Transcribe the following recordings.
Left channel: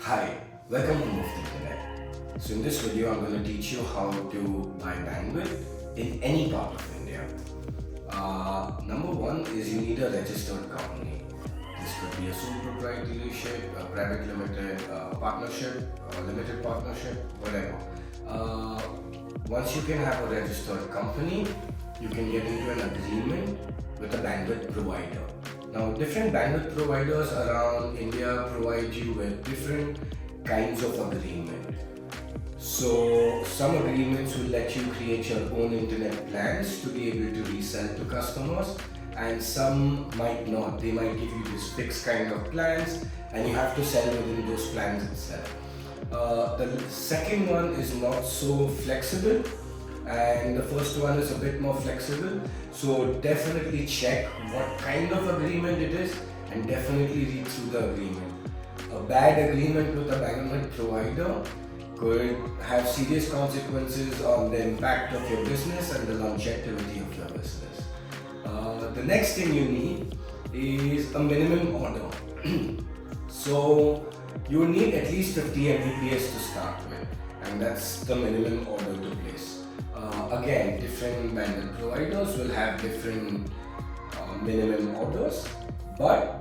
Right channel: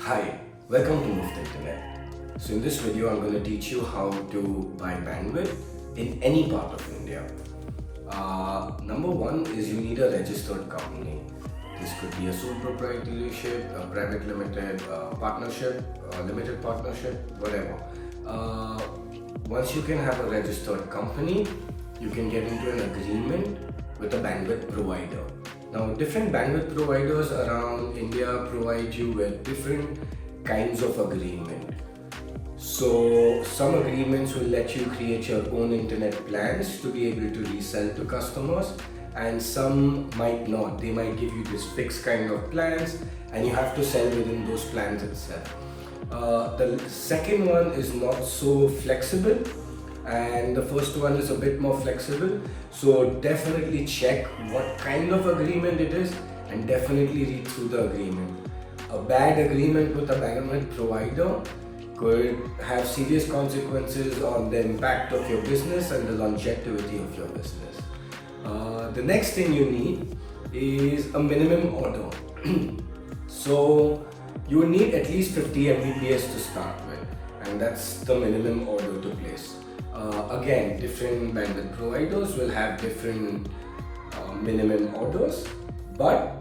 Hi, welcome to Move Internet. So in this video, I'm going to teach you how to buy bandwidth in any part of India. Number one is you need a registered company. This could be a sole proprietorship, a private limited partnership, a limited partnership, whatever. Once you can have a registered company, you can get into an agreement with a bandwidth provider. Now, different bandwidth providers around India provide you with different kinds of agreement. So, some agreements will let you create your own internet plans to be able to resell to customers, and some might not. They might give you this fixed kind of plans, and you have to sell within those plans itself. The second one is not so flexible, and the first one is a bit more flexible. So definitely check what kind of agreement it is and definitely read through the agreement. A bad agreement with a bandwidth provider could have serious consequences on the impact of your business and the longevity of your business. The next thing you need is a minimum order. So you need at least 50 Mbps to start with, and that's the minimum order to place. Again, different bandwidth providers will have different minimum orders, but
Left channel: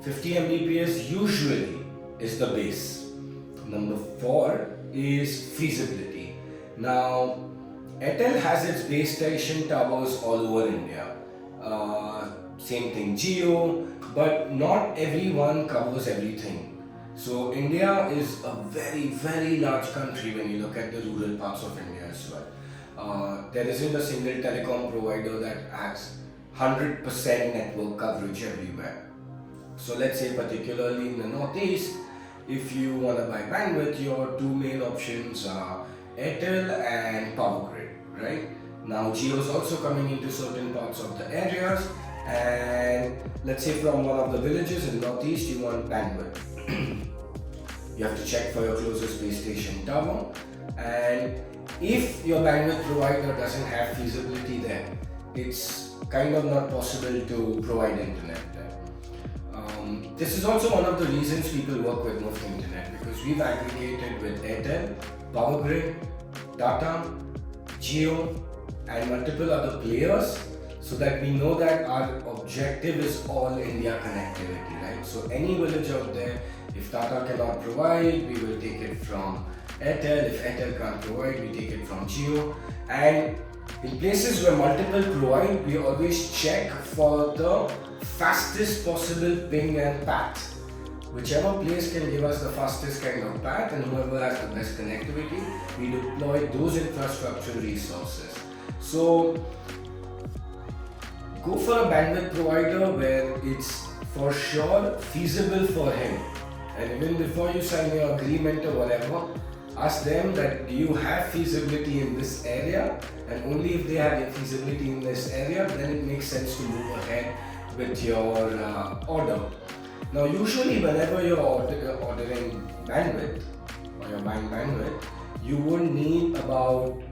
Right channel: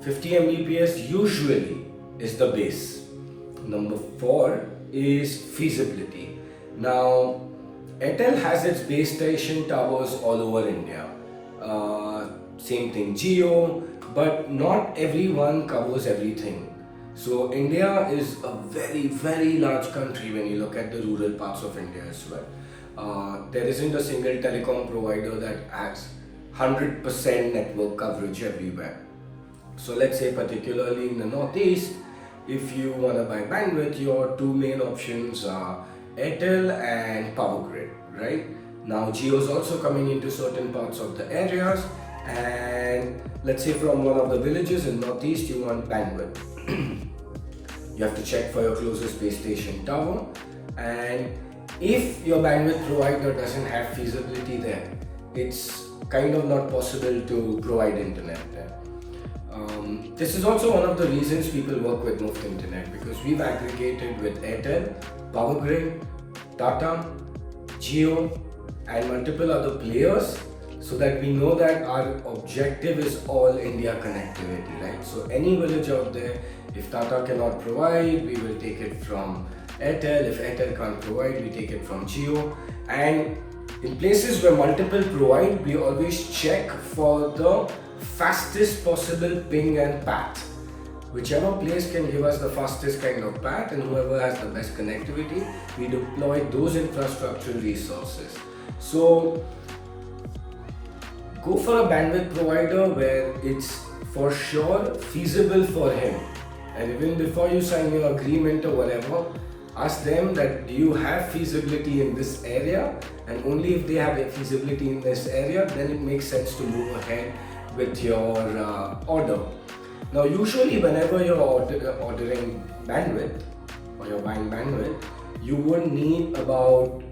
50 Mbps usually is the base. Number 4 is feasibility. Now, Airtel has its base station towers all over India. Same thing, Jio, but not everyone covers everything. So India is a very large country when you look at the rural parts of India as well. There isn't a single telecom provider that has 100% network coverage everywhere. So let's say particularly in the northeast, if you want to buy bandwidth, your two main options are Airtel and Power Grid, right? Now Jio is also coming into certain parts of the areas, and let's say from one of the villages in northeast you want bandwidth. You have to check for your closest base station tower, and if your bandwidth provider doesn't have feasibility there, it's kind of not possible to provide internet there. This is also one of the reasons people work with Move Internet, because we've aggregated with Airtel, Power Grid, Tata, Jio, and multiple other players, so that we know that our objective is all India connectivity, right? So any village out there, if Tata cannot provide, we will take it from Airtel. If Airtel can't provide, we take it from Jio. And in places where multiple provide, we always check for the fastest possible ping and path. Whichever place can give us the fastest kind of path, and whoever has the best connectivity, we deploy those infrastructural resources. So go for a bandwidth provider where it's for sure feasible for him. And even before you sign your agreement or whatever, ask them that do you have feasibility in this area, and only if they have a feasibility in this area, then it makes sense to move ahead with your order. Now usually whenever you're ordering bandwidth or you're buying bandwidth, you would need about,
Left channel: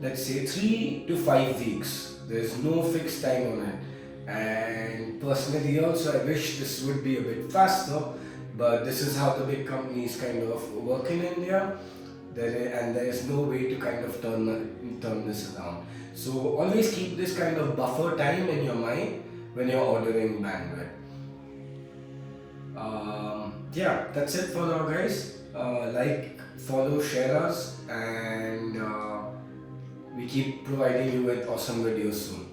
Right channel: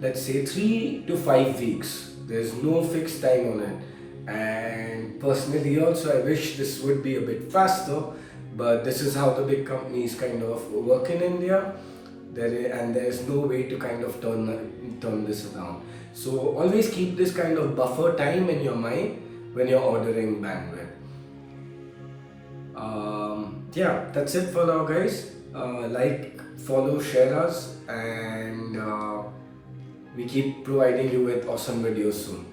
let's say, 3 to 5 weeks. There's no fixed time on it, and personally also I wish this would be a bit faster, but this is how the big companies kind of work in India. And there is no way to kind of turn this around. So always keep this kind of buffer time in your mind when you're ordering bandwidth. Yeah, that's it for now, guys. Like, follow, share us, and we keep providing you with awesome videos soon.